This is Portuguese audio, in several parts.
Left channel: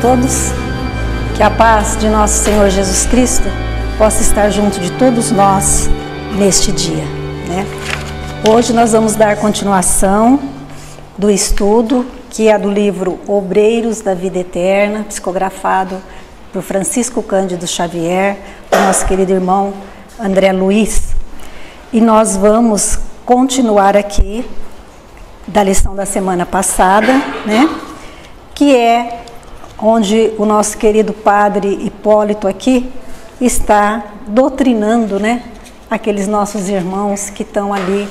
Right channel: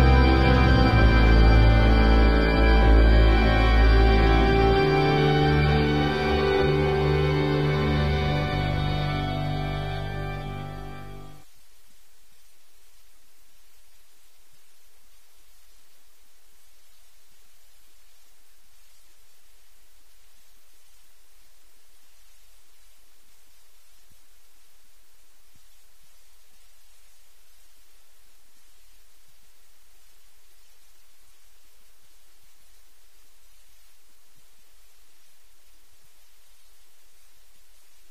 todos, que a paz de nosso Senhor Jesus Cristo possa estar junto de todos nós neste dia, né? Hoje nós vamos dar continuação do estudo, que é do livro Obreiros da Vida Eterna, psicografado por Francisco Cândido Xavier, do nosso querido irmão André Luiz. E nós vamos continuar aqui da lição da semana passada, né? Que é onde o nosso querido padre Hipólito aqui está doutrinando, né? Aqueles nossos irmãos que estão ali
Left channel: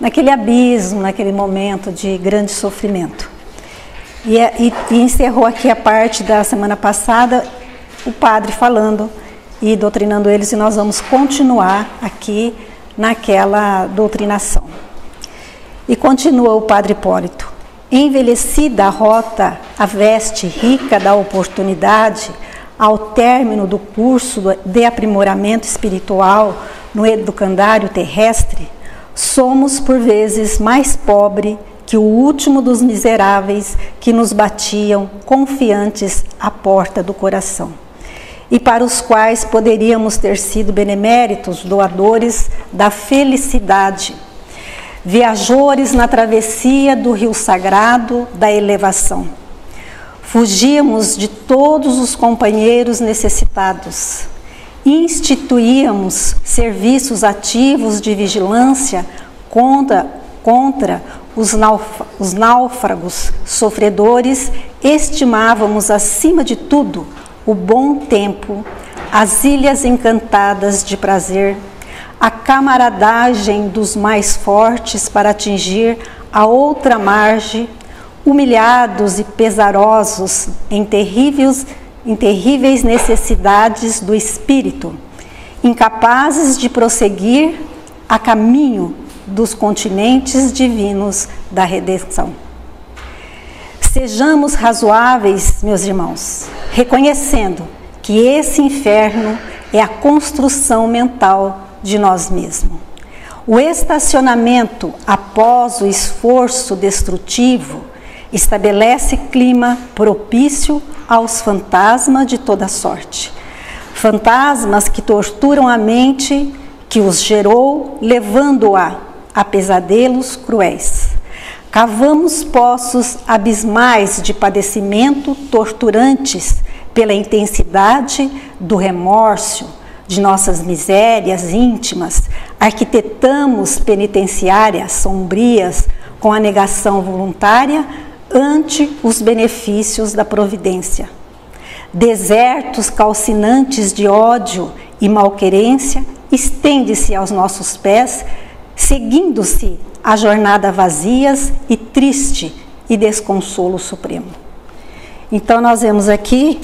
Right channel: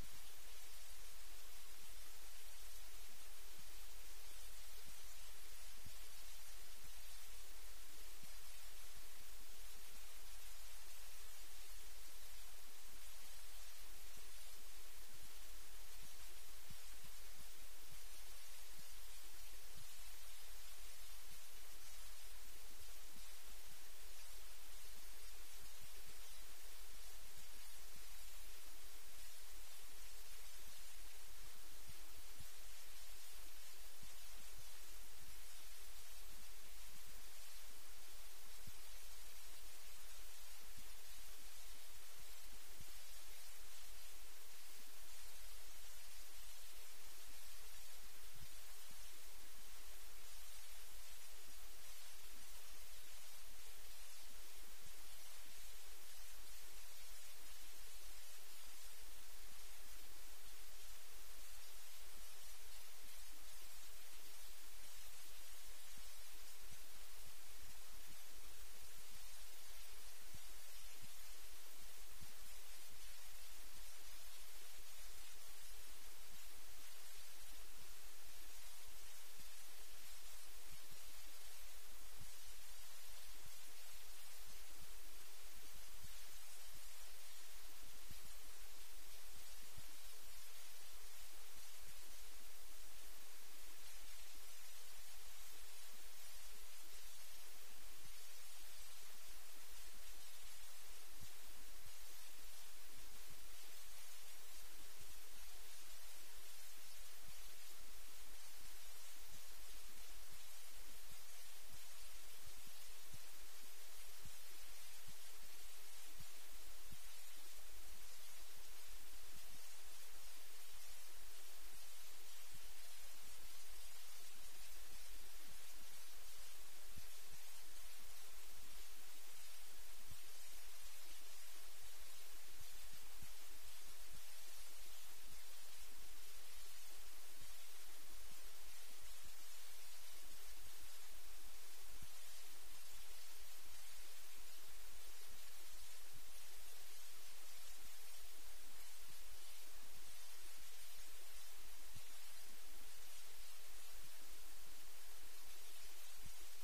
naquele abismo, naquele momento de grande sofrimento. E encerrou aqui a parte da semana passada, o padre falando e doutrinando eles, e nós vamos continuar aqui naquela doutrinação. E continua o padre Hipólito. Envelhecida a rota, a veste rica da oportunidade, ao término do curso de aprimoramento espiritual no educandário terrestre, somos por vezes mais pobre que o último dos miseráveis que nos batiam confiantes à porta do coração, e para os quais poderíamos ter sido beneméritos doadores da felicidade, viajores na travessia do rio sagrado da elevação. Fugíamos de todos os companheiros necessitados, instituíamos serviços ativos de vigilância contra os náufragos sofredores, estimávamos acima de tudo o bom tempo, as ilhas encantadas de prazer, a camaradagem dos mais fortes para atingir a outra margem, humilhados e pesarosos em terríveis necessidades do espírito, incapazes de prosseguir a caminho dos continentes divinos da redenção. Sejamos razoáveis, meus irmãos, reconhecendo que esse inferno é a construção mental de nós mesmos. O estacionamento após o esforço destrutivo estabelece clima propício aos fantasmas de toda sorte. Fantasmas que torturam a mente que os gerou, levando-a a pesadelos cruéis. Cavamos poços abismais de padecimento torturantes pela intensidade do remorso, de nossas misérias íntimas, arquitetamos penitenciárias sombrias com a negação voluntária ante os benefícios da providência. Desertos calcinantes de ódio e malquerência estende-se aos nossos pés, seguindo-se a jornada vazias e triste e desconsolo supremo. Então nós vemos aqui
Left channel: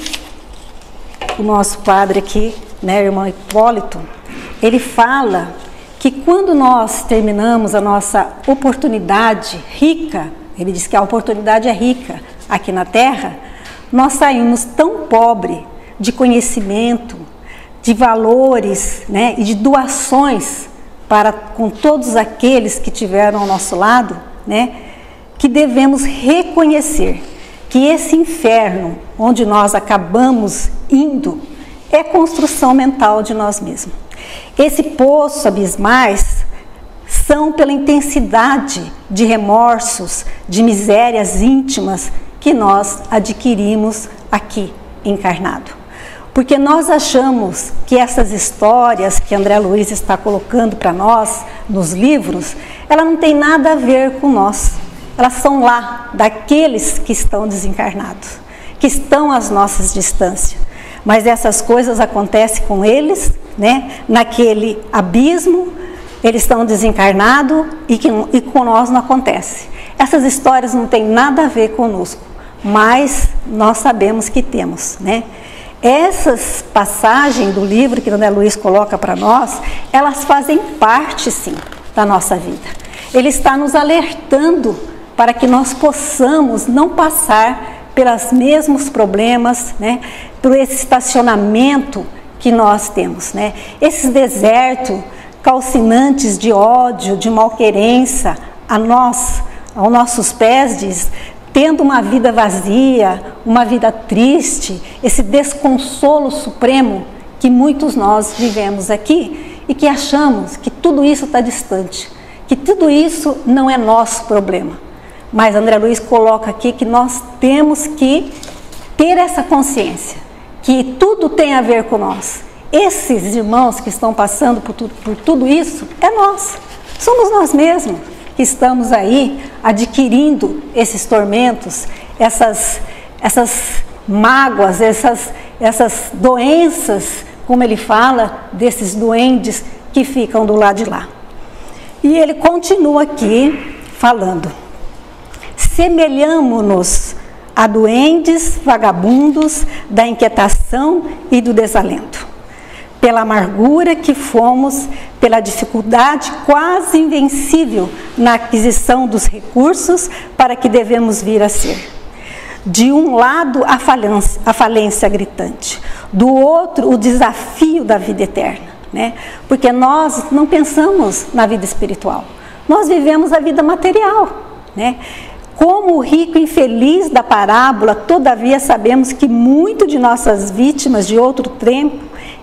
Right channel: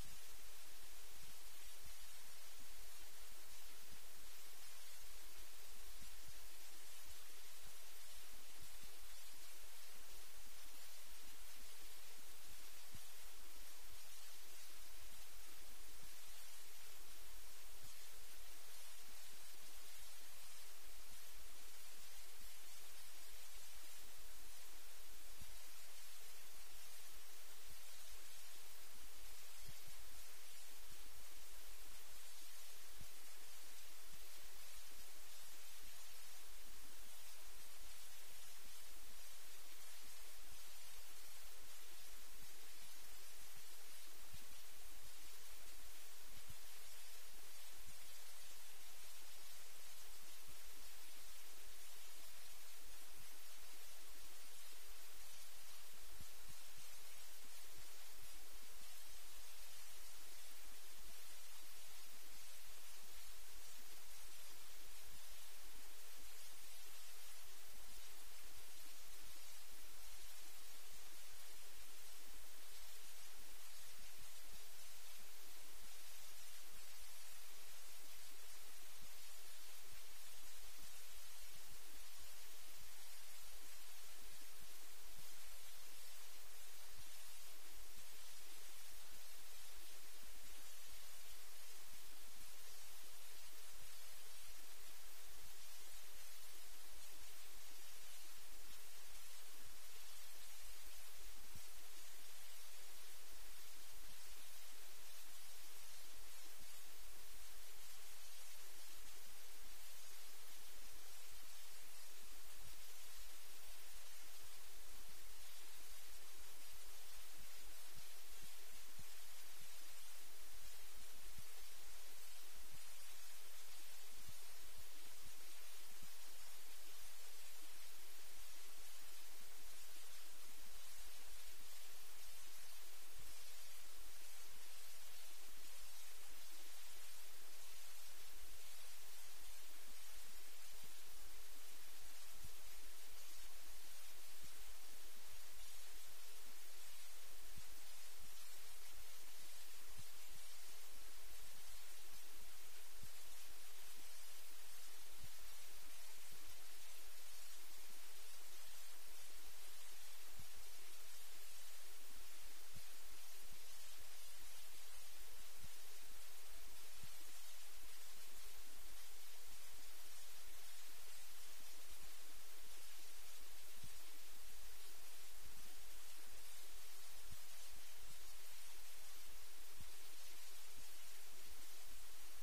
o nosso padre aqui, né, irmão Hipólito, ele fala que quando nós terminamos a nossa oportunidade rica, ele diz que a oportunidade é rica aqui na Terra, nós saímos tão pobre de conhecimento, de valores, né, e de doações para com todos aqueles que tiveram ao nosso lado, né, que devemos reconhecer que esse inferno onde nós acabamos indo é construção mental de nós mesmos. Esse poço abismais são pela intensidade de remorsos, de misérias íntimas que nós adquirimos aqui encarnado. Porque nós achamos que essas histórias que André Luiz está colocando para nós nos livros, ela não tem nada a ver com nós. Elas são lá daqueles que estão desencarnados, que estão às nossas distâncias. Mas essas coisas acontecem com eles, né? Naquele abismo, eles estão desencarnados e com nós não acontece. Essas histórias não têm nada a ver conosco, mas nós sabemos que temos, né? Essas passagens do livro que André Luiz coloca para nós, elas fazem parte, sim, da nossa vida. Ele está nos alertando para que nós possamos não passar pelos mesmos problemas, né? Por esse estacionamento que nós temos, né? Esses desertos calcinantes de ódio, de malquerência a nós, aos nossos pés, diz, tendo uma vida vazia, uma vida triste, esse desconsolo supremo que muitos nós vivemos aqui e que achamos que tudo isso está distante, que tudo isso não é nosso problema. Mas André Luiz coloca aqui que nós temos que ter essa consciência, que tudo tem a ver com nós. Esses irmãos que estão passando por tudo isso, é nós, somos nós mesmos que estamos aí adquirindo esses tormentos, essas mágoas, essas doenças, como ele fala, desses duendes que ficam do lado de lá. E ele continua aqui falando: semelhamo-nos a duendes vagabundos da inquietação e do desalento, pela amargura que fomos, pela dificuldade quase invencível na aquisição dos recursos para que devemos vir a ser. De um lado, a falência gritante, do outro, o desafio da vida eterna, né? Porque nós não pensamos na vida espiritual, nós vivemos a vida material, né? Como o rico infeliz da parábola, todavia sabemos que muito de nossas vítimas de outro tempo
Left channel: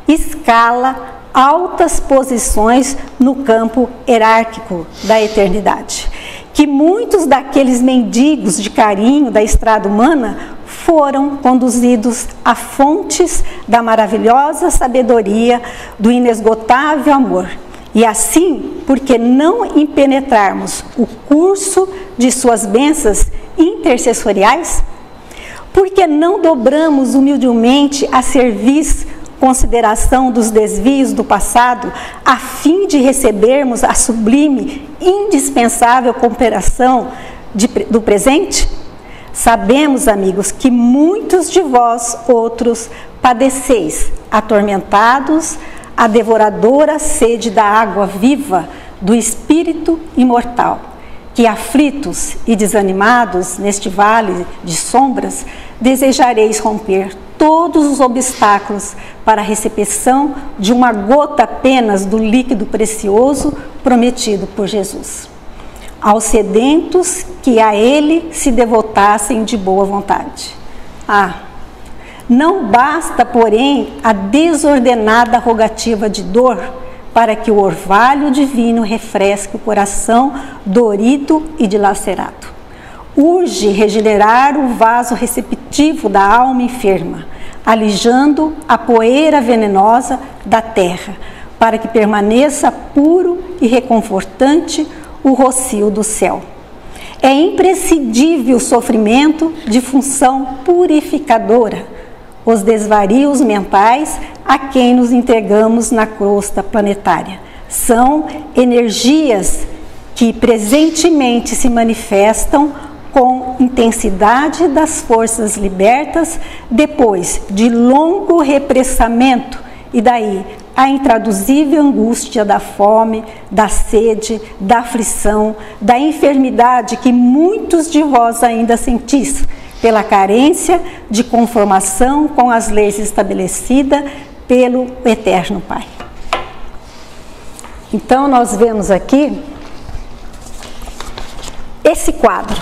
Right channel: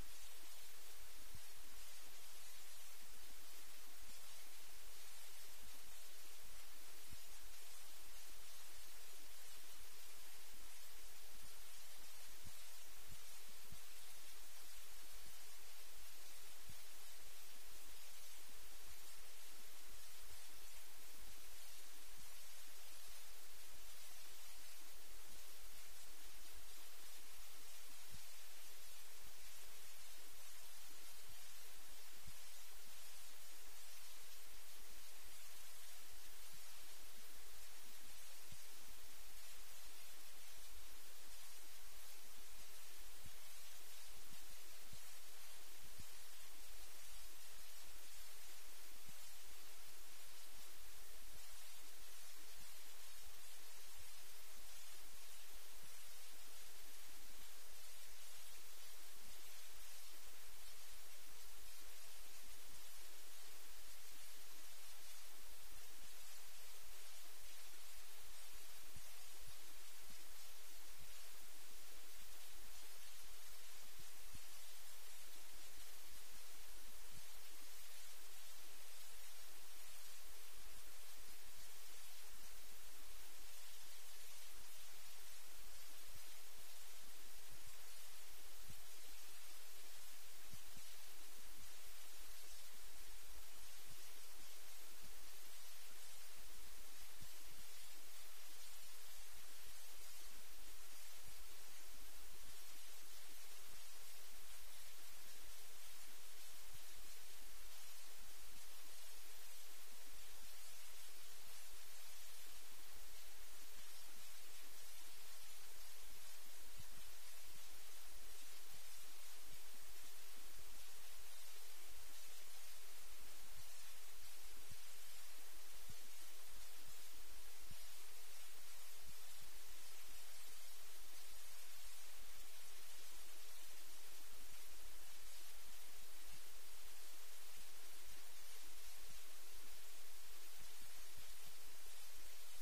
escala altas posições no campo hierárquico da eternidade. Que muitos daqueles mendigos de carinho da estrada humana foram conduzidos a fontes da maravilhosa sabedoria, do inesgotável amor. E assim, porque não impenetrarmos o curso de suas bênçãos intercessoriais? Porque não dobramos humildemente a serviço consideração dos desvios do passado, a fim de recebermos a sublime, indispensável cooperação do presente? Sabemos, amigos, que muitos de vós outros padeceis, atormentados, a devoradora sede da água viva do Espírito imortal, que aflitos e desanimados neste vale de sombras, desejareis romper todos os obstáculos para a recepção de uma gota apenas do líquido precioso prometido por Jesus. Aos sedentos que a Ele se devotassem de boa vontade. Não basta, porém, a desordenada rogativa de dor para que o orvalho divino refresque o coração dorido e dilacerado. Urge regenerar o vaso receptivo da alma enferma, alijando a poeira venenosa da terra, para que permaneça puro e reconfortante o rocio do céu. É imprescindível o sofrimento de função purificadora, os desvarios mentais a quem nos entregamos na crosta planetária. São energias que presentemente se manifestam com intensidade das forças libertas depois de longo repressamento, e daí a intraduzível angústia da fome, da sede, da aflição, da enfermidade que muitos de vós ainda sentis, pela carência de conformação com as leis estabelecidas pelo Eterno Pai. Então, nós vemos aqui esse quadro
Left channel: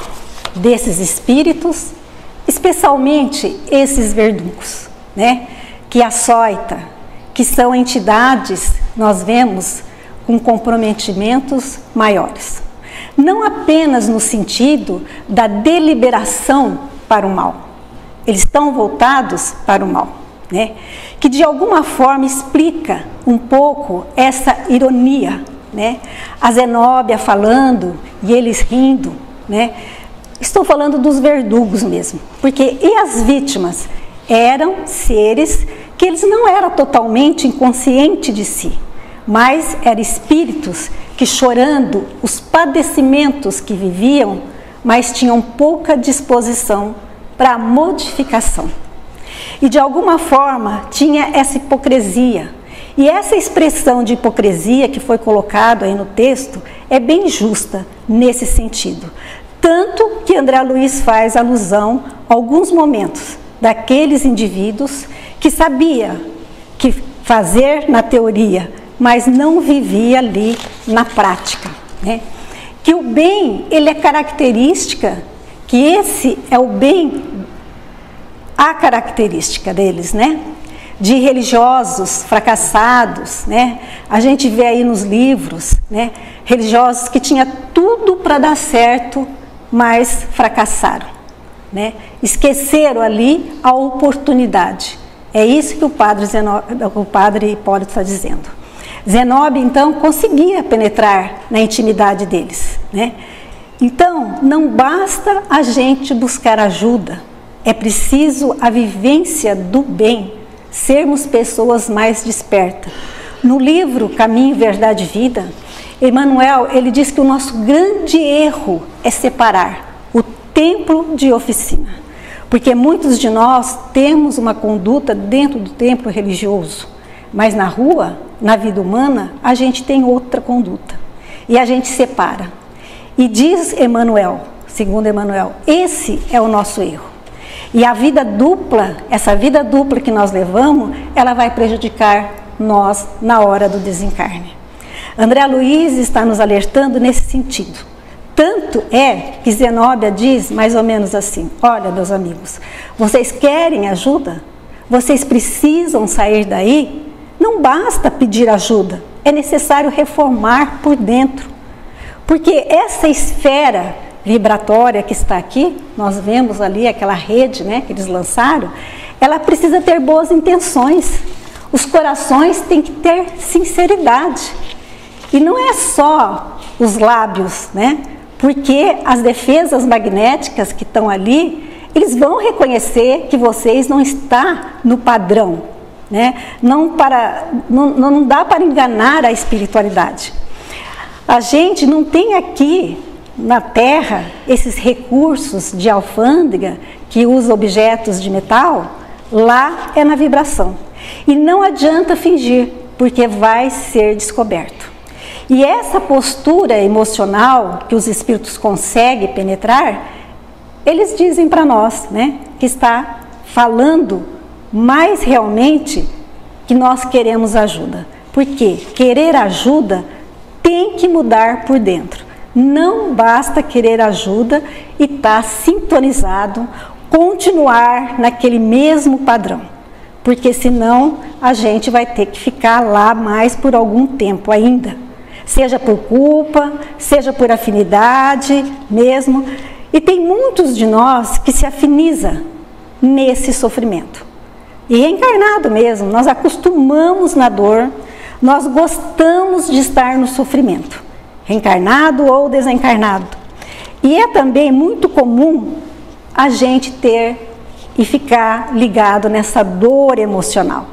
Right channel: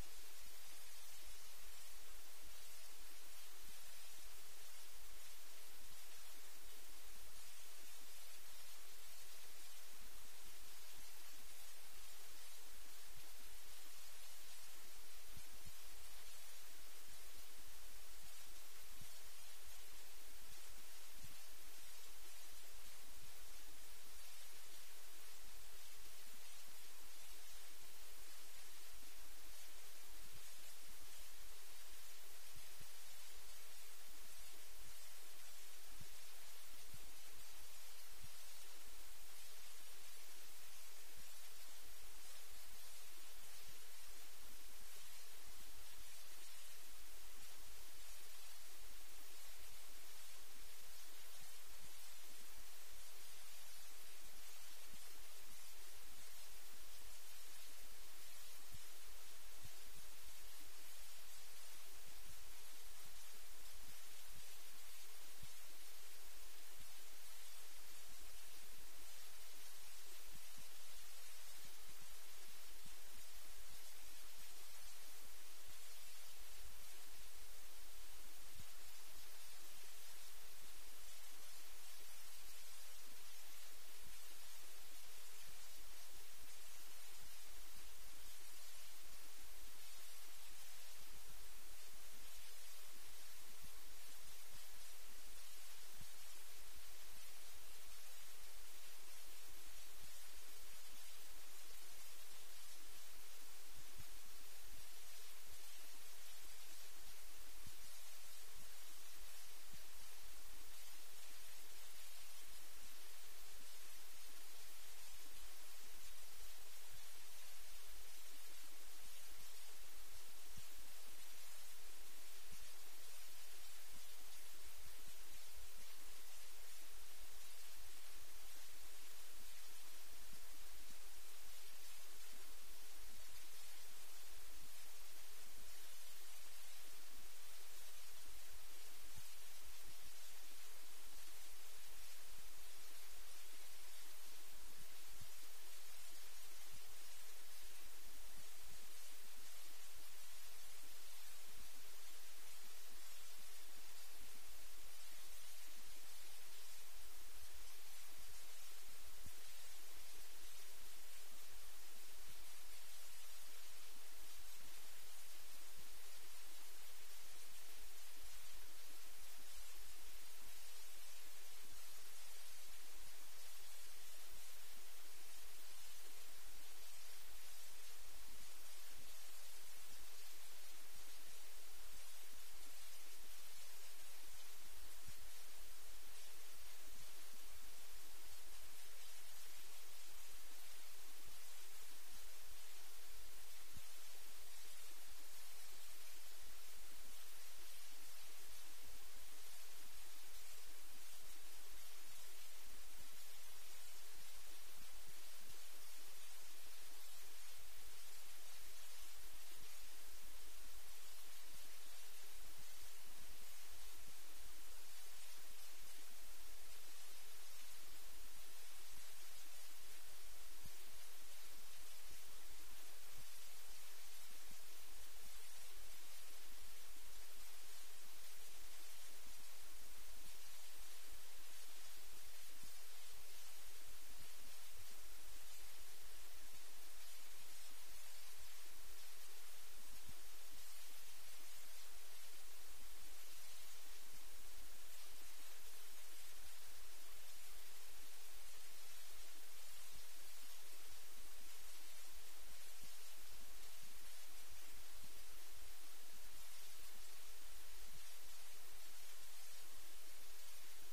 desses espíritos, especialmente esses verdugos, né? Que açoita, que são entidades, nós vemos, com comprometimentos maiores. Não apenas no sentido da deliberação para o mal. Eles estão voltados para o mal, né? Que de alguma forma explica um pouco essa ironia, né? A Zenóbia falando e eles rindo, né? Estou falando dos verdugos mesmo, porque e as vítimas eram seres que eles não eram totalmente inconscientes de si, mas eram espíritos que, chorando os padecimentos que viviam, mas tinham pouca disposição para a modificação. E de alguma forma tinha essa hipocrisia. E essa expressão de hipocrisia que foi colocada aí no texto é bem justa nesse sentido. Tanto que André Luiz faz alusão a alguns momentos daqueles indivíduos que sabia que fazer na teoria, mas não vivia ali na prática, né? Que o bem, ele é característica que esse é o bem, a característica deles, né? De religiosos fracassados, né? A gente vê aí nos livros, né? Religiosos que tinham tudo para dar certo, mas fracassaram, né? Esqueceram ali a oportunidade. É isso que o padre Hipólito está dizendo. Zenóbio, então, conseguia penetrar na intimidade deles, né? Então, não basta a gente buscar ajuda, é preciso a vivência do bem, sermos pessoas mais despertas. No livro Caminho, Verdade e Vida, Emmanuel, ele diz que o nosso grande erro é separar o templo de oficina, porque muitos de nós temos uma conduta dentro do templo religioso, mas na rua, na vida humana, a gente tem outra conduta e a gente separa. E diz Emmanuel, segundo Emmanuel, esse é o nosso erro. E a vida dupla, essa vida dupla que nós levamos, ela vai prejudicar nós na hora do desencarne. André Luiz está nos alertando nesse sentido. Tanto é que Zenóbia diz mais ou menos assim: olha, meus amigos, vocês querem ajuda? Vocês precisam sair daí? Não basta pedir ajuda, é necessário reformar por dentro. Porque essa esfera vibratória que está aqui, nós vemos ali aquela rede, né, que eles lançaram, ela precisa ter boas intenções. Os corações têm que ter sinceridade. E não é só os lábios, né? Porque as defesas magnéticas que estão ali, eles vão reconhecer que vocês não estão no padrão, né? Não dá para enganar a espiritualidade. A gente não tem aqui na Terra esses recursos de alfândega que usa objetos de metal. Lá é na vibração. E não adianta fingir, porque vai ser descoberto. E essa postura emocional que os espíritos conseguem penetrar, eles dizem para nós, né, que está falando mais realmente que nós queremos ajuda. Porque querer ajuda tem que mudar por dentro. Não basta querer ajuda e estar sintonizado, continuar naquele mesmo padrão. Porque senão a gente vai ter que ficar lá mais por algum tempo ainda. Seja por culpa, seja por afinidade mesmo. E tem muitos de nós que se afiniza nesse sofrimento. E reencarnado mesmo, nós acostumamos na dor, nós gostamos de estar no sofrimento, reencarnado ou desencarnado. E é também muito comum a gente ter e ficar ligado nessa dor emocional,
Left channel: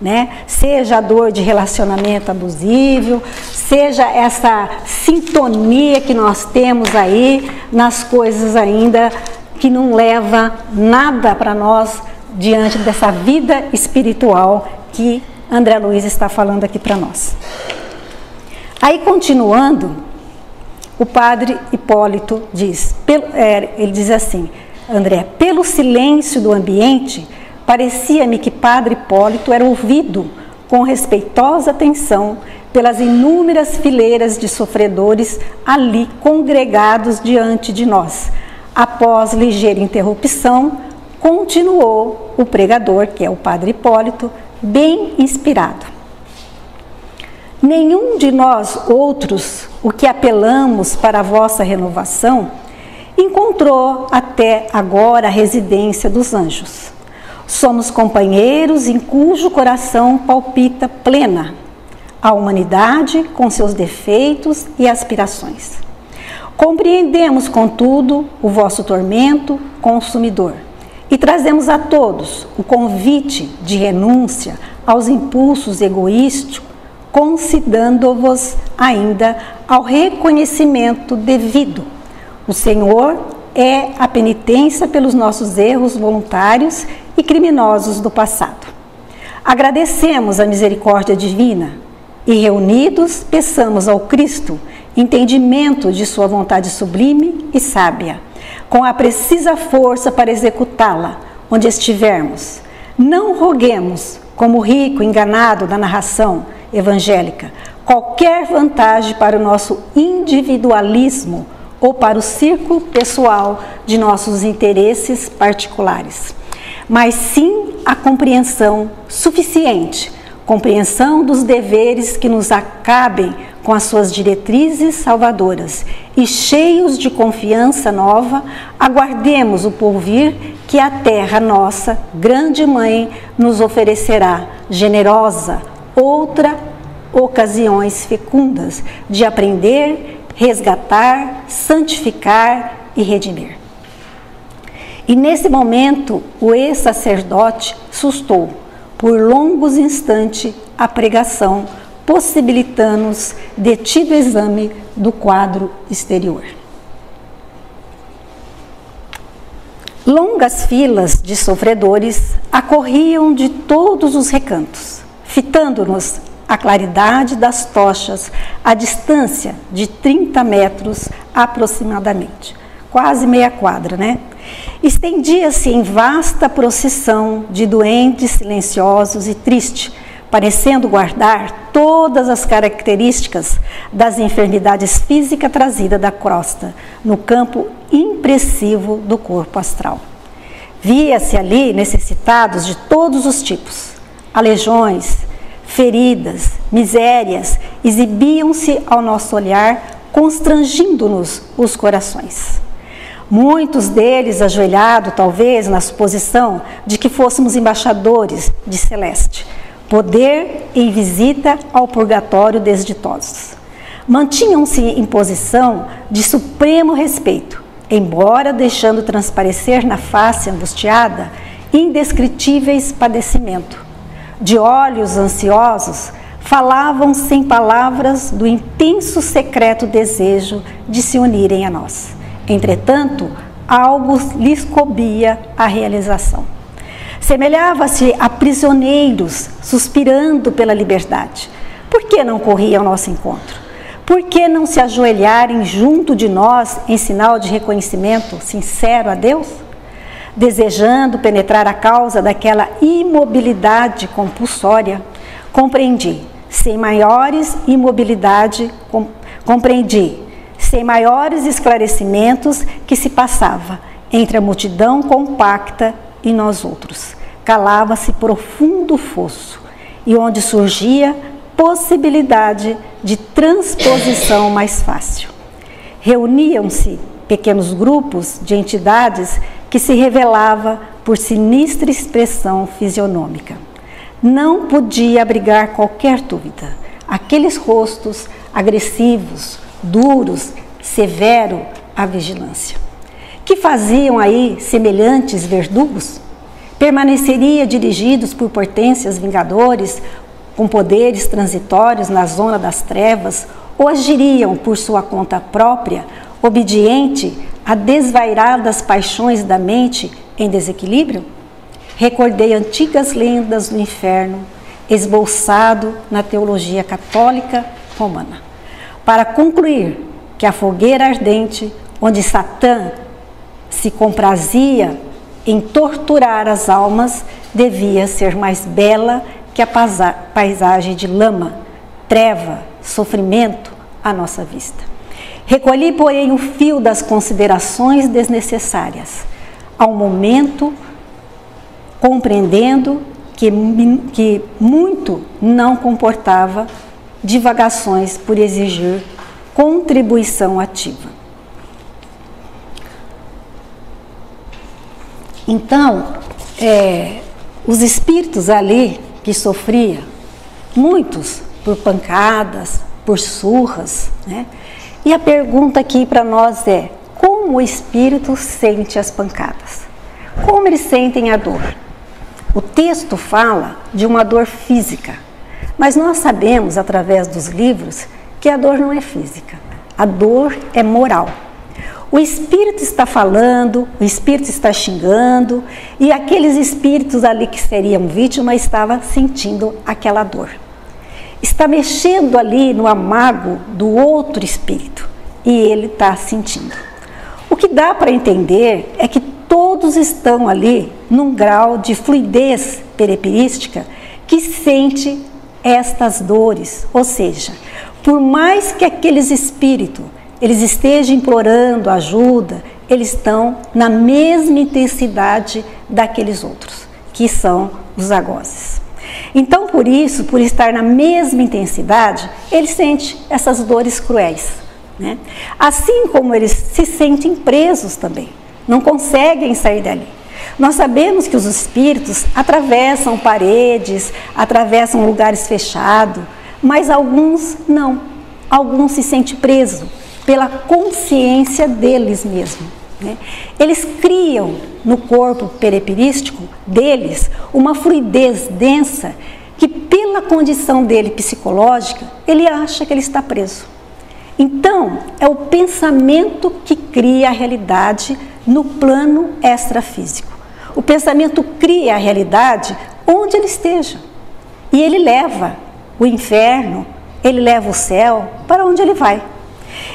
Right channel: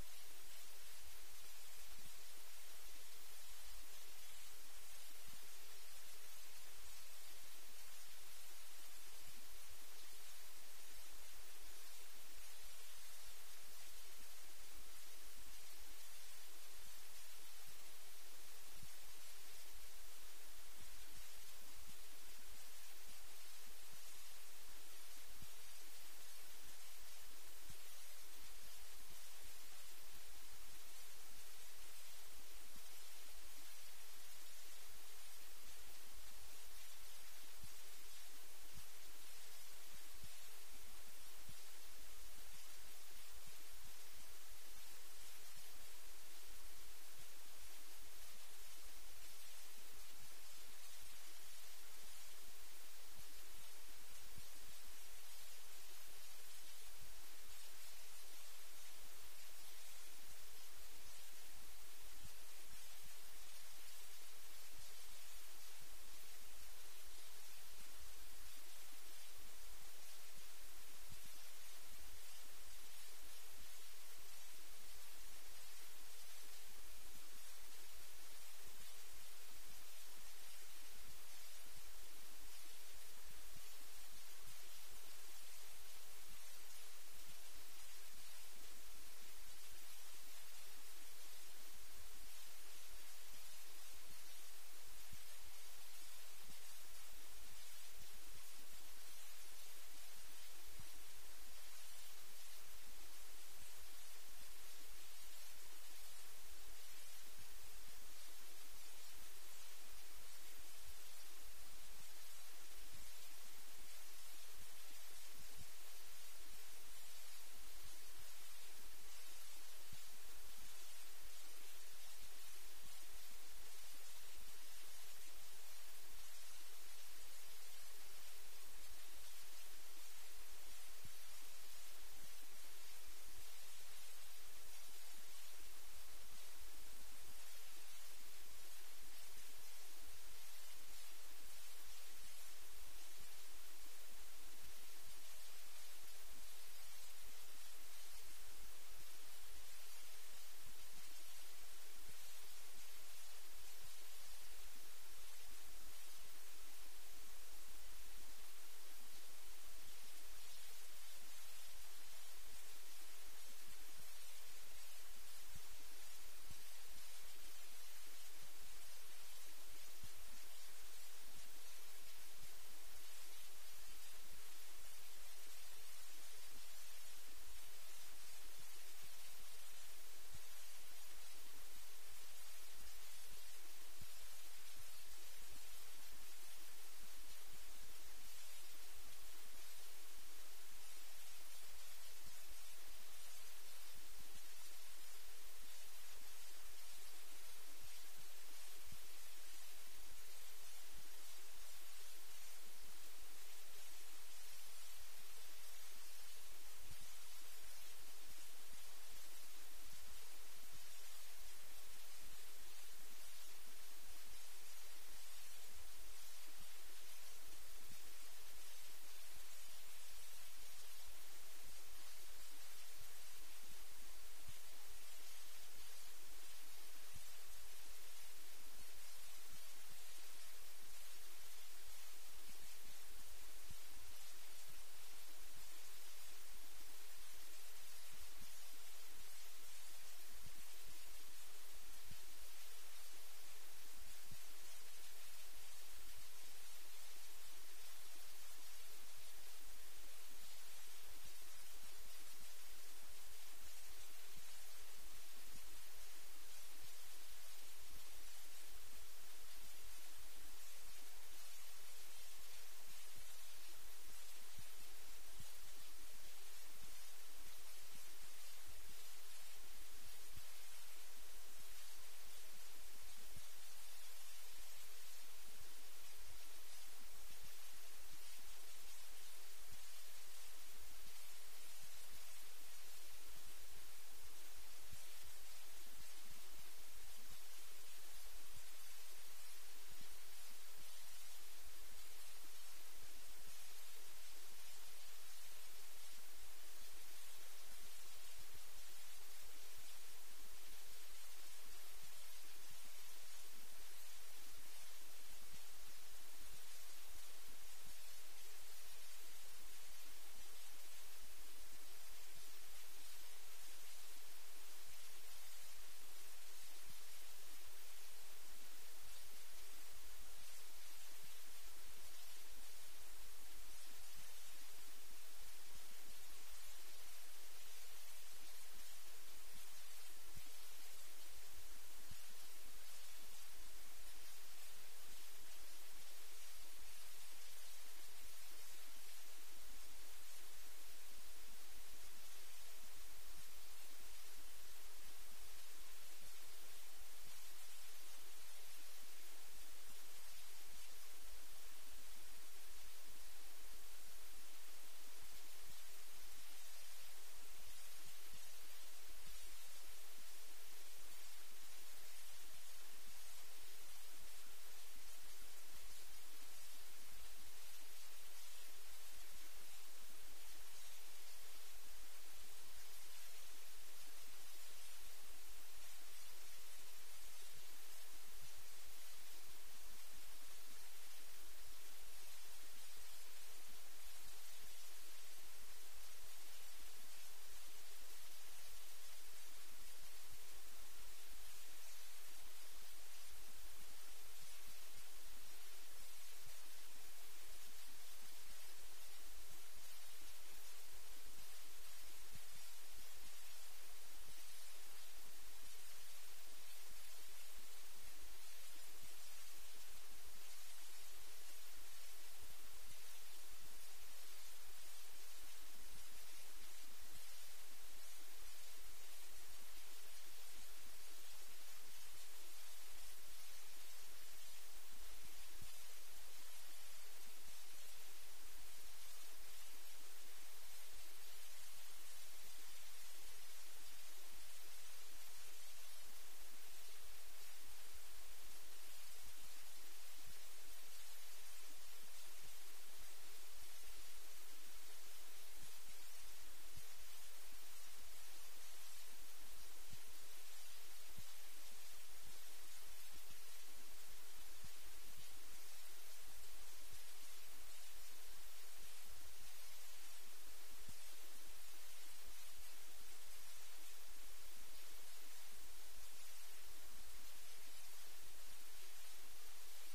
né? Seja a dor de relacionamento abusivo, seja essa sintonia que nós temos aí nas coisas ainda que não leva nada para nós diante dessa vida espiritual que André Luiz está falando aqui para nós. Aí, continuando, o padre Hipólito diz, ele diz assim: André, pelo silêncio do ambiente, parecia-me que padre Hipólito era ouvido com respeitosa atenção pelas inúmeras fileiras de sofredores ali congregados diante de nós. Após ligeira interrupção, continuou o pregador, que é o padre Hipólito, bem inspirado. Nenhum de nós outros, o que apelamos para a vossa renovação, encontrou até agora a residência dos anjos. Somos companheiros em cujo coração palpita plena a humanidade com seus defeitos e aspirações. Compreendemos, contudo, o vosso tormento consumidor e trazemos a todos o convite de renúncia aos impulsos egoísticos, concidando-vos ainda ao reconhecimento devido. O Senhor é a penitência pelos nossos erros voluntários e criminosos do passado. Agradecemos a misericórdia divina e, reunidos, peçamos ao Cristo entendimento de sua vontade sublime e sábia, com a precisa força para executá-la onde estivermos. Não roguemos, como o rico enganado da narração evangélica, qualquer vantagem para o nosso individualismo ou para o círculo pessoal de nossos interesses particulares, mas sim a compreensão suficiente, compreensão dos deveres que nos acabem com as suas diretrizes salvadoras, e cheios de confiança nova, aguardemos o porvir que a terra nossa, grande mãe, nos oferecerá, generosa, outra ocasiões fecundas de aprender, resgatar, santificar e redimir. E nesse momento, o ex-sacerdote sustou, por longos instantes, a pregação, possibilitando-nos detido exame do quadro exterior. Longas filas de sofredores acorriam de todos os recantos, fitando-nos a claridade das tochas a distância de 30 metros aproximadamente, quase meia quadra, né? Estendia-se em vasta procissão de doentes silenciosos e tristes, parecendo guardar todas as características das enfermidades físicas trazidas da crosta, no campo impressivo do corpo astral. Via-se ali necessitados de todos os tipos, aleijões, feridas, misérias, exibiam-se ao nosso olhar, constrangindo-nos os corações. Muitos deles ajoelhados, talvez, na suposição de que fôssemos embaixadores de Celeste, poder em visita ao purgatório desditosos. Mantinham-se em posição de supremo respeito, embora deixando transparecer na face angustiada indescritíveis padecimentos. De olhos ansiosos, falavam sem palavras do intenso secreto desejo de se unirem a nós. Entretanto, algo lhes coubia a realização. Semelhava-se a prisioneiros suspirando pela liberdade. Por que não corriam ao nosso encontro? Por que não se ajoelharem junto de nós em sinal de reconhecimento sincero a Deus? Desejando penetrar a causa daquela imobilidade compulsória, compreendi, sem maiores esclarecimentos que se passava entre a multidão compacta e nós outros. Calava-se profundo fosso, e onde surgia possibilidade de transposição mais fácil. Reuniam-se pequenos grupos de entidades que se revelava por sinistra expressão fisionômica. Não podia abrigar qualquer dúvida. Aqueles rostos agressivos, duros, severo à vigilância. Que faziam aí semelhantes verdugos? Permaneceria dirigidos por potências vingadores, com poderes transitórios na zona das trevas, ou agiriam por sua conta própria, obediente a desvairadas paixões da mente em desequilíbrio? Recordei antigas lendas do inferno, esboçado na teologia católica romana, para concluir que a fogueira ardente, onde Satã se comprazia em torturar as almas, devia ser mais bela que a paisagem de lama, treva, sofrimento à nossa vista. Recolhi, porém, o fio das considerações desnecessárias, ao momento, compreendendo que muito não comportava divagações por exigir contribuição ativa. Então, os espíritos ali que sofriam, muitos por pancadas, por surras, né? E a pergunta aqui para nós é: como o espírito sente as pancadas? Como eles sentem a dor? O texto fala de uma dor física, mas nós sabemos, através dos livros, que a dor não é física, a dor é moral. O espírito está falando, o espírito está xingando, e aqueles espíritos ali que seriam vítimas estavam sentindo aquela dor. Está mexendo ali no amago do outro espírito, e ele está sentindo. O que dá para entender é que todos estão ali num grau de fluidez peripirística que sente estas dores, ou seja, por mais que aqueles espíritos eles estejam implorando ajuda, eles estão na mesma intensidade daqueles outros, que são os algozes. Então, por isso, por estar na mesma intensidade, eles sentem essas dores cruéis, né? Assim como eles se sentem presos também, não conseguem sair dali. Nós sabemos que os espíritos atravessam paredes, atravessam lugares fechados, mas alguns não. Alguns se sentem presos pela consciência deles mesmos, né? Eles criam no corpo peripirístico deles uma fluidez densa que, pela condição dele psicológica, ele acha que ele está preso. Então, é o pensamento que cria a realidade no plano extrafísico. O pensamento cria a realidade onde ele esteja. E ele leva o inferno, ele leva o céu para onde ele vai.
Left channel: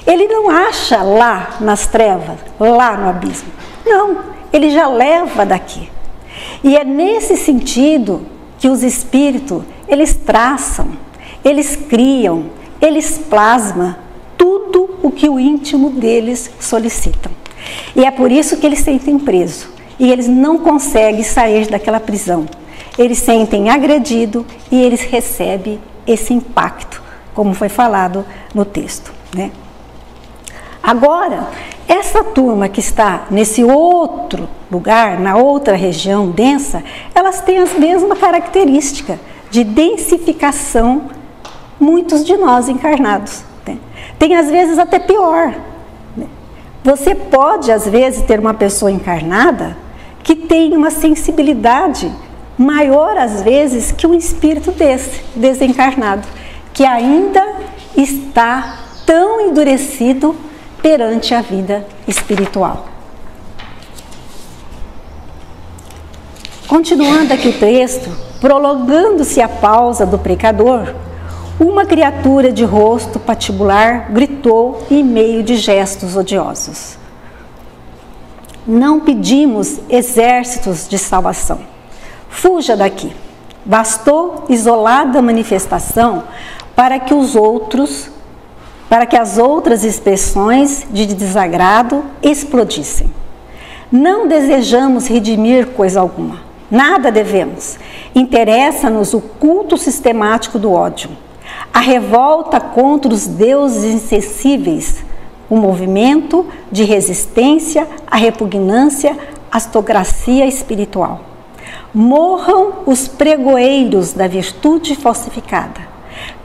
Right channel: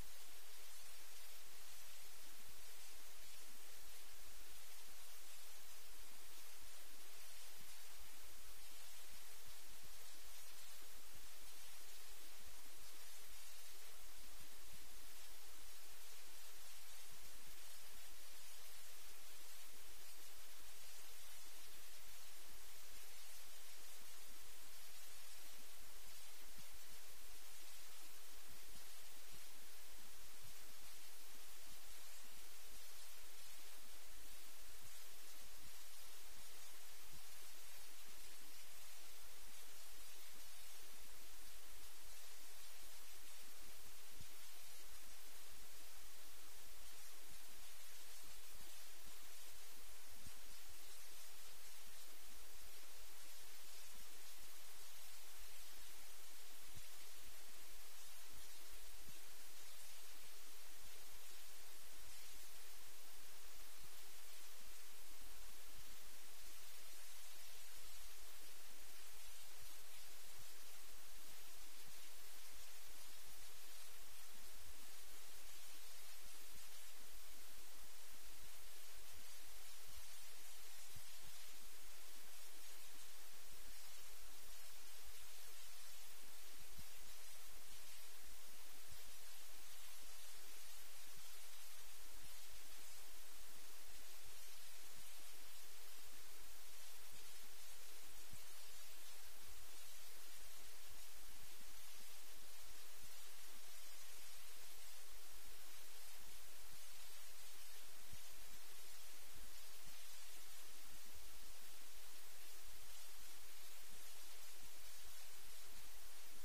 Ele não acha lá nas trevas, lá no abismo. Não, ele já leva daqui. E é nesse sentido que os espíritos, eles traçam, eles criam, eles plasmam tudo o que o íntimo deles solicitam. E é por isso que eles sentem preso. E eles não conseguem sair daquela prisão. Eles sentem agredido e eles recebem esse impacto, como foi falado no texto, né? Agora, essa turma que está nesse outro lugar, na outra região densa, elas têm as mesmas características de densificação, muitos de nós encarnados, né? Tem às vezes até pior, né? Você pode às vezes ter uma pessoa encarnada que tem uma sensibilidade maior às vezes que um espírito desse, desencarnado, que ainda está tão endurecido perante a vida espiritual. Continuando aqui o texto, prolongando-se a pausa do precador, uma criatura de rosto patibular gritou em meio de gestos odiosos: não pedimos exércitos de salvação. Fuja daqui. Bastou isolada manifestação para que as outras expressões de desagrado explodissem. Não desejamos redimir coisa alguma. Nada devemos. Interessa-nos o culto sistemático do ódio, a revolta contra os deuses insensíveis, o movimento de resistência à repugnância, à astocracia espiritual. Morram os pregoeiros da virtude falsificada.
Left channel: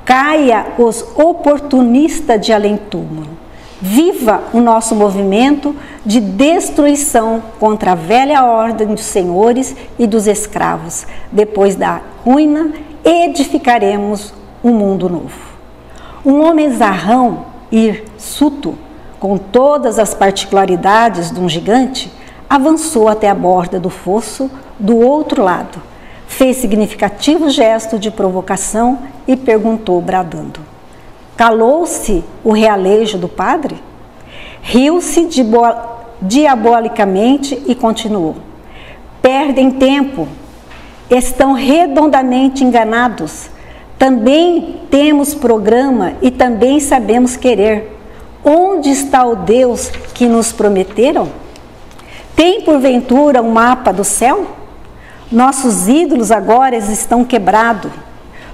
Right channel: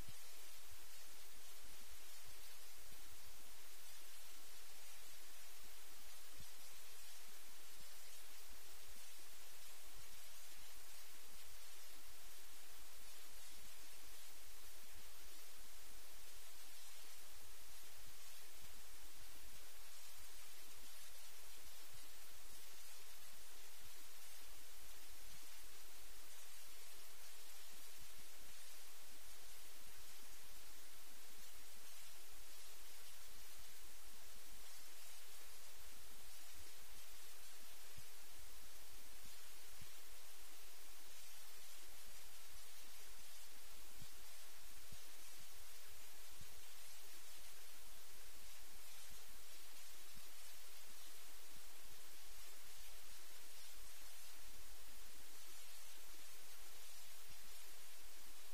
Caia os oportunistas de além-túmulo. Viva o nosso movimento de destruição contra a velha ordem dos senhores e dos escravos. Depois da ruína, edificaremos um mundo novo. Um homem zarrão, hirsuto, com todas as particularidades de um gigante, avançou até a borda do fosso do outro lado, fez significativo gesto de provocação e perguntou, bradando: calou-se o realejo do padre? Riu-se diabolicamente e continuou: perdem tempo, estão redondamente enganados. Também temos programa e também sabemos querer. Onde está o Deus que nos prometeram? Tem porventura um mapa do céu? Nossos ídolos agora estão quebrados.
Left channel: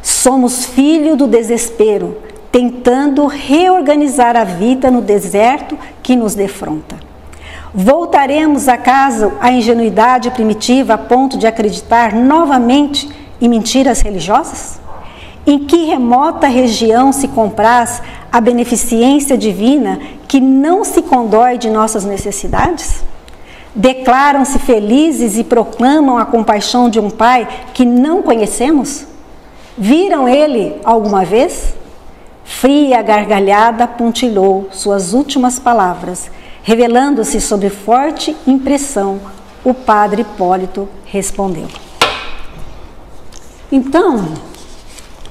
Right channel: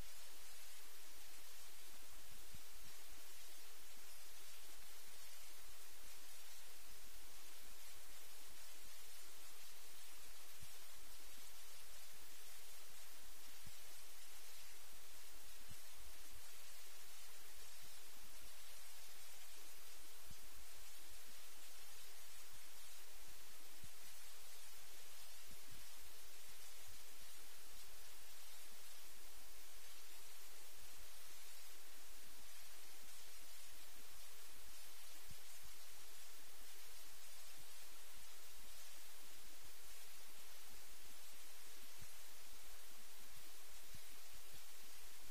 Somos filhos do desespero, tentando reorganizar a vida no deserto que nos defronta. Voltaremos acaso à ingenuidade primitiva a ponto de acreditar novamente em mentiras religiosas? Em que remota região se compraz a beneficência divina que não se condói de nossas necessidades? Declaram-se felizes e proclamam a compaixão de um Pai que não conhecemos? Viram ele alguma vez? Fria gargalhada pontilhou suas últimas palavras, revelando-se sob forte impressão. O padre Hipólito respondeu. Então,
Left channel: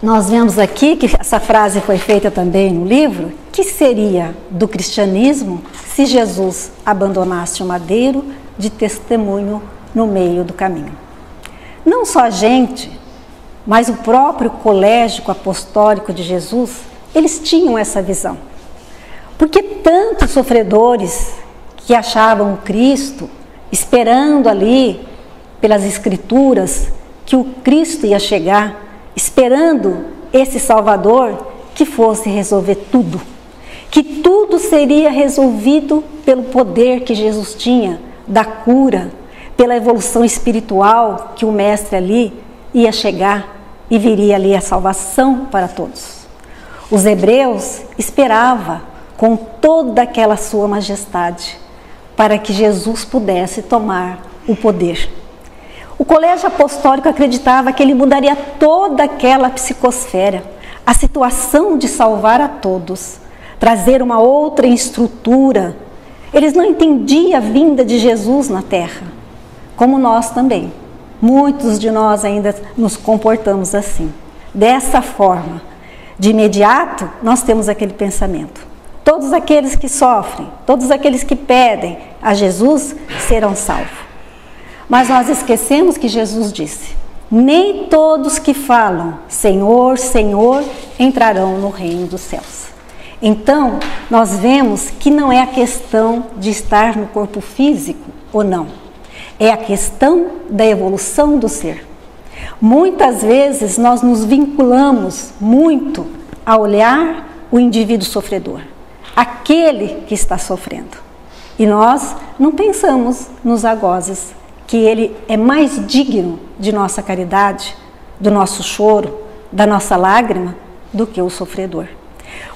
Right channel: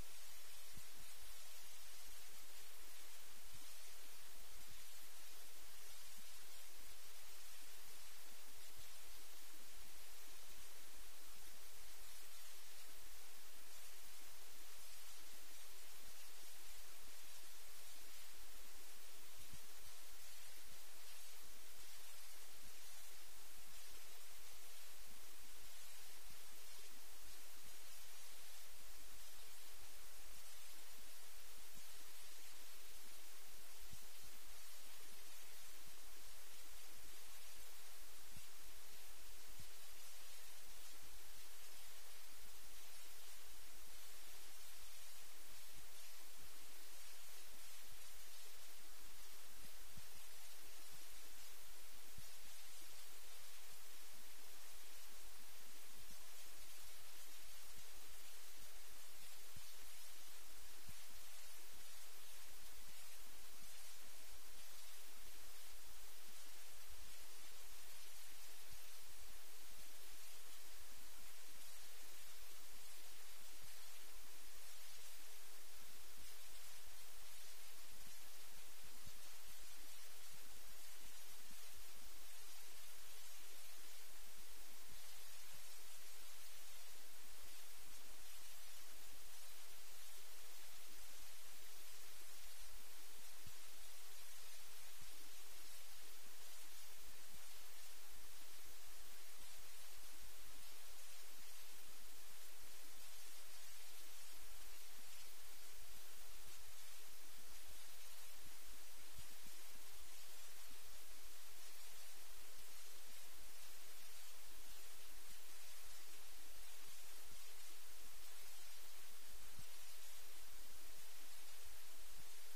nós vemos aqui que essa frase foi feita também no livro. Que seria do cristianismo se Jesus abandonasse o madeiro de testemunho no meio do caminho? Não só a gente, mas o próprio colégio apostólico de Jesus, eles tinham essa visão. Porque tantos sofredores que achavam o Cristo, esperando ali, pelas Escrituras, que o Cristo ia chegar, esperando esse Salvador que fosse resolver tudo, que tudo seria resolvido pelo poder que Jesus tinha, da cura, pela evolução espiritual que o Mestre ali ia chegar e viria ali a salvação para todos. Os hebreus esperavam com toda aquela sua majestade para que Jesus pudesse tomar o poder. O colégio apostólico acreditava que ele mudaria toda aquela psicosfera, a situação de salvar a todos, trazer uma outra estrutura. Eles não entendiam a vinda de Jesus na terra, como nós também. Muitos de nós ainda nos comportamos assim. Dessa forma, de imediato, nós temos aquele pensamento. Todos aqueles que sofrem, todos aqueles que pedem a Jesus serão salvos. Mas nós esquecemos que Jesus disse: nem todos que falam Senhor, Senhor entrarão no reino dos céus. Então, nós vemos que não é a questão de estar no corpo físico ou não. É a questão da evolução do ser. Muitas vezes nós nos vinculamos muito a olhar o indivíduo sofredor, aquele que está sofrendo. E nós não pensamos nos algozes, que ele é mais digno de nossa caridade, do nosso choro, da nossa lágrima, do que o sofredor.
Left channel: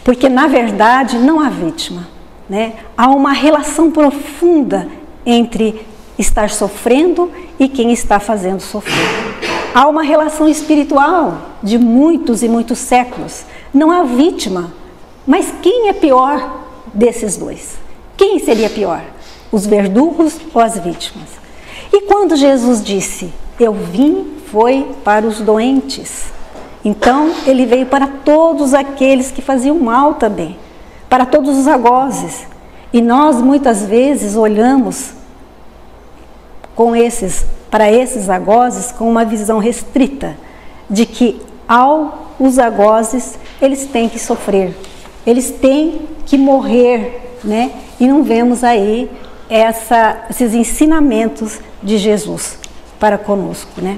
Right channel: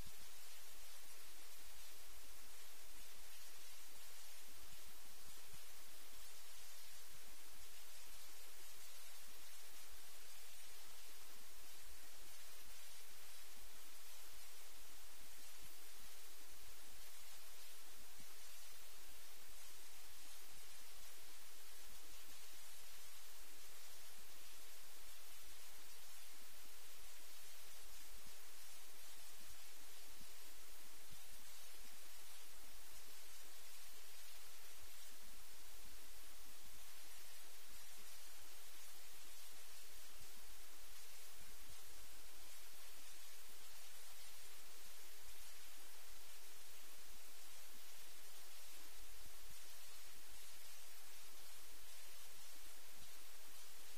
Porque, na verdade, não há vítima, né? Há uma relação profunda entre estar sofrendo e quem está fazendo sofrer. Há uma relação espiritual de muitos e muitos séculos. Não há vítima. Mas quem é pior desses dois? Quem seria pior? Os verdugos ou as vítimas? E quando Jesus disse, eu vim, foi para os doentes. Então, ele veio para todos aqueles que faziam mal também, para todos os algozes. E nós, muitas vezes, olhamos para esses algozes com uma visão restrita, de que os algozes, eles têm que sofrer, eles têm que morrer, né? E não vemos aí esses ensinamentos de Jesus para conosco, né?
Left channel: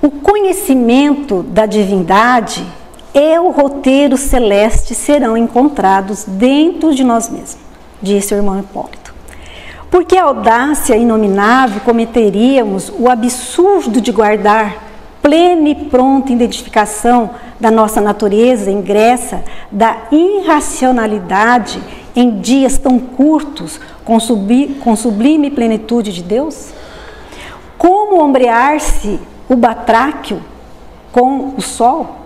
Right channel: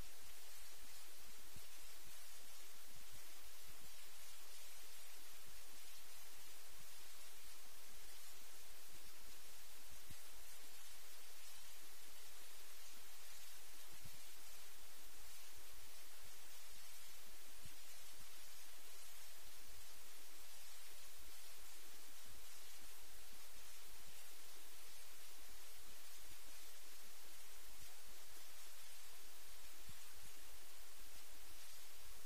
O conhecimento da divindade e o roteiro celeste serão encontrados dentro de nós mesmos, disse o irmão Hipólito. Porque a audácia inominável cometeríamos o absurdo de guardar plena e pronta identificação da nossa natureza ingressa, da irracionalidade em dias tão curtos com sublime plenitude de Deus? Como ombrear-se o batráquio com o sol?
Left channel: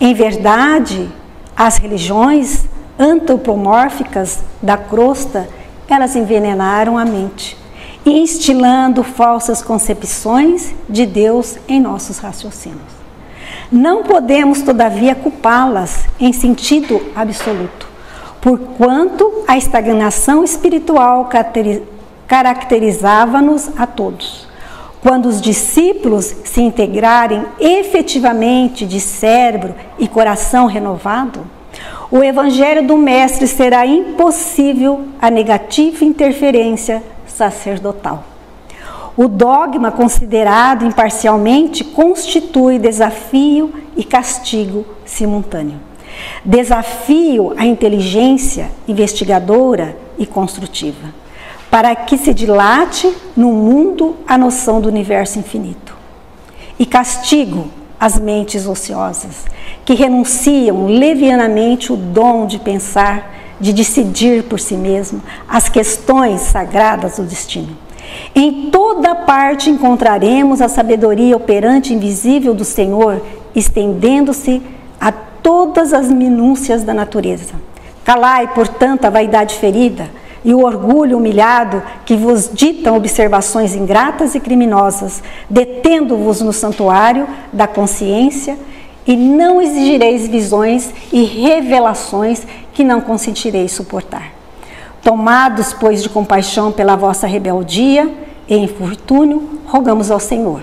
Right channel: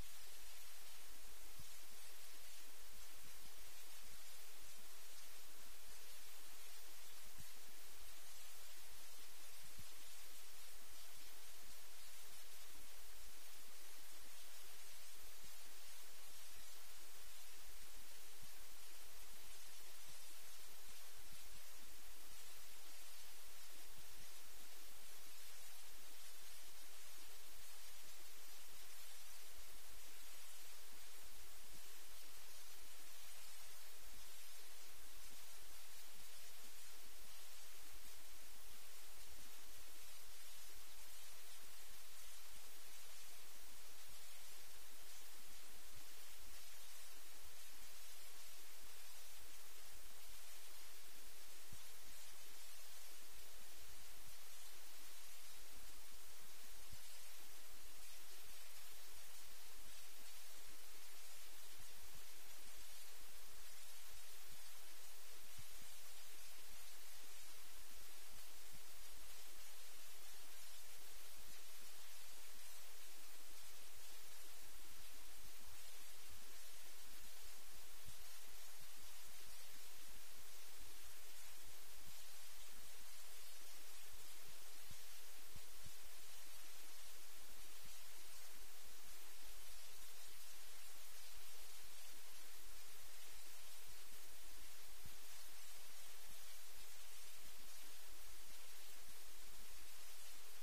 Em verdade, as religiões antropomórficas da crosta, elas envenenaram a mente, instilando falsas concepções de Deus em nossos raciocínios. Não podemos, todavia, culpá-las em sentido absoluto, porquanto a estagnação espiritual caracterizava-nos a todos. Quando os discípulos se integrarem efetivamente de cérebro e coração renovado, o Evangelho do Mestre será impossível a negativa interferência sacerdotal. O dogma considerado imparcialmente constitui desafio e castigo simultâneo. Desafio à inteligência investigadora e construtiva, para que se dilate no mundo a noção do universo infinito. E castigo às mentes ociosas, que renunciam levianamente o dom de pensar, de decidir por si mesmo as questões sagradas do destino. Em toda parte encontraremos a sabedoria operante invisível do Senhor, estendendo-se a todas as minúcias da natureza. Calai, portanto, a vaidade ferida e o orgulho humilhado que vos ditam observações ingratas e criminosas, detendo-vos no santuário da consciência, e não exigireis visões e revelações que não consentireis suportar. Tomados, pois, de compaixão pela vossa rebeldia e infortúnio, rogamos ao Senhor.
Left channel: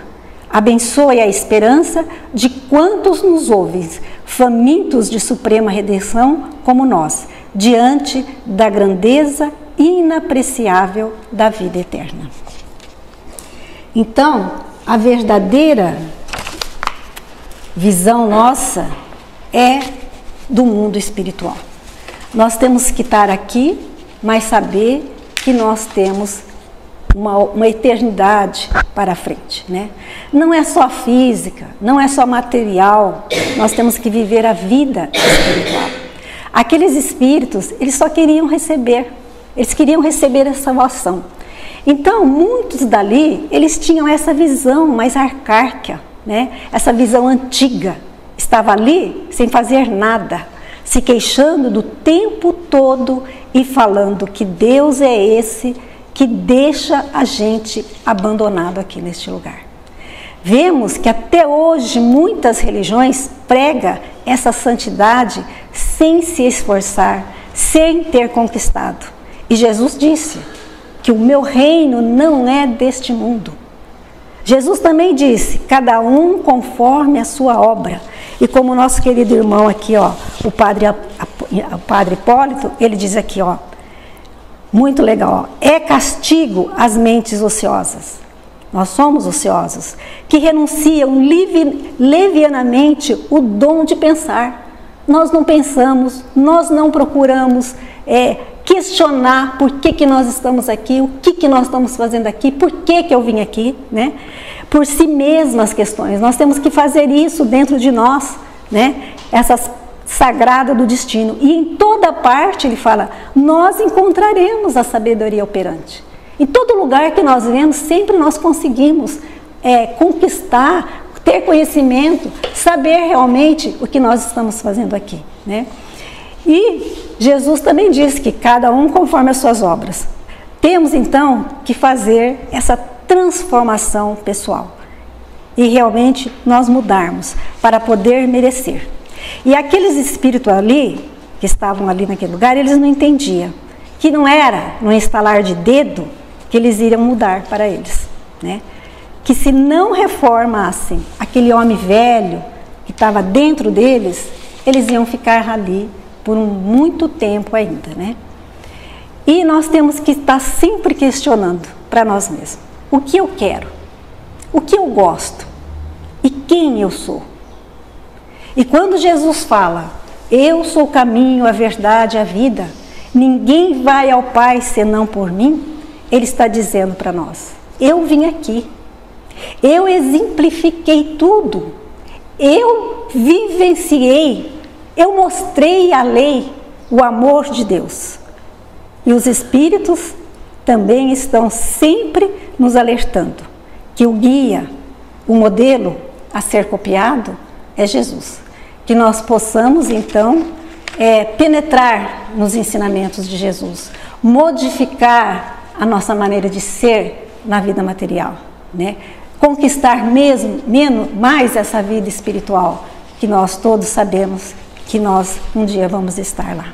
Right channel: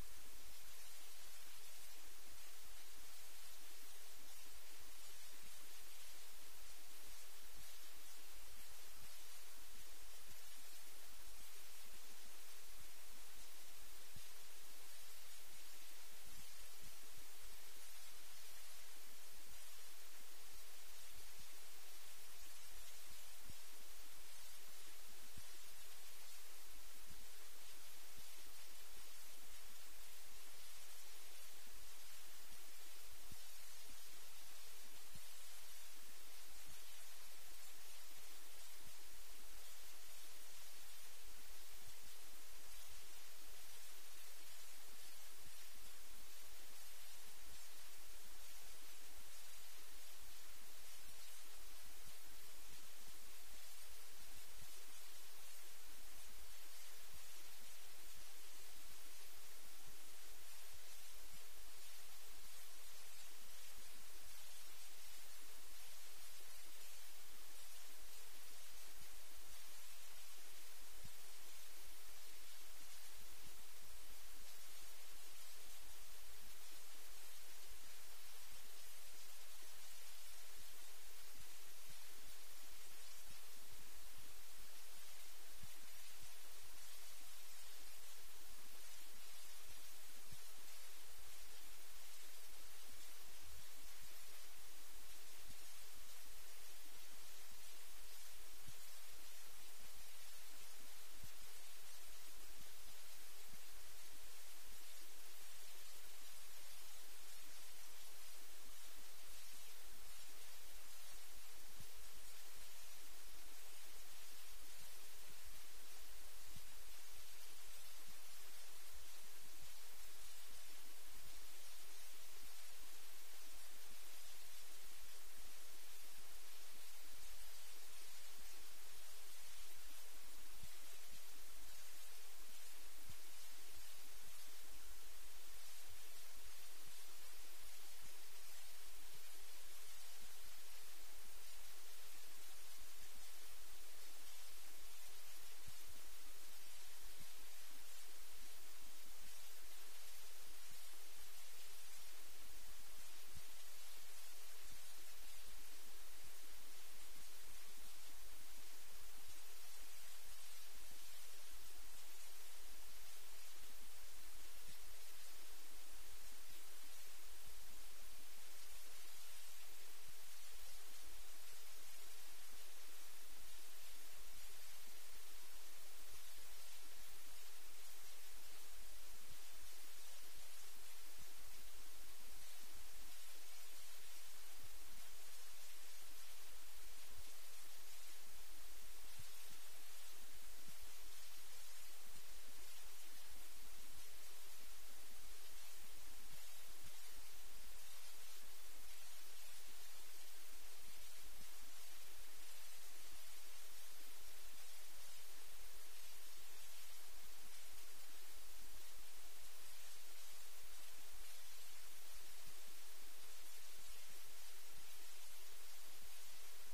Abençoe a esperança de quantos nos ouvem, famintos de suprema redenção como nós, diante da grandeza inapreciável da vida eterna. Então, a verdadeira visão nossa é do mundo espiritual. Nós temos que estar aqui, mas saber que nós temos uma eternidade para frente, né? Não é só física, não é só material, nós temos que viver a vida espiritual. Aqueles espíritos, eles só queriam receber, eles queriam receber a salvação. Então, muitos dali, eles tinham essa visão mais arcaica, né? Essa visão antiga, estava ali sem fazer nada, se queixando do tempo todo e falando que Deus é esse que deixa a gente abandonado aqui neste lugar. Vemos que até hoje muitas religiões pregam essa santidade sem se esforçar, sem ter conquistado. E Jesus disse que o meu reino não é deste mundo. Jesus também disse, cada um conforme a sua obra. E como o nosso querido irmão aqui, ó, o padre Hipólito, ele diz aqui, ó, muito legal, ó, é castigo às mentes ociosas. Nós somos ociosos, que renunciam levianamente o dom de pensar. Nós não pensamos, nós não procuramos questionar por que nós estamos aqui, o que nós estamos fazendo aqui, por que eu vim aqui, né? Por si mesmas questões. Nós temos que fazer isso dentro de nós, né? Essas sagrada do destino. E em toda parte, ele fala, nós encontraremos a sabedoria operante. Em todo lugar que nós vemos, sempre nós conseguimos conquistar, ter conhecimento, saber realmente o que nós estamos fazendo aqui, né? E Jesus também disse que cada um conforme as suas obras. Temos então que fazer essa transformação pessoal e realmente nós mudarmos para poder merecer. E aqueles espíritos ali, que estavam ali naquele lugar, eles não entendiam que não era no estalar de dedo que eles iriam mudar para eles, né? Que se não reformassem aquele homem velho que estava dentro deles, eles iam ficar ali por muito tempo ainda, né? E nós temos que estar sempre questionando para nós mesmos, o que eu quero, o que eu gosto e quem eu sou. E quando Jesus fala, eu sou o caminho, a verdade, a vida, ninguém vai ao Pai senão por mim, ele está dizendo para nós, eu vim aqui, eu exemplifiquei tudo, eu vivenciei, eu mostrei a lei, o amor de Deus. E os espíritos também estão sempre nos alertando que o guia, o modelo a ser copiado é Jesus. Que nós possamos, então, penetrar nos ensinamentos de Jesus, modificar a nossa maneira de ser na vida material, né? Conquistar mais essa vida espiritual, que nós todos sabemos que nós um dia vamos estar lá.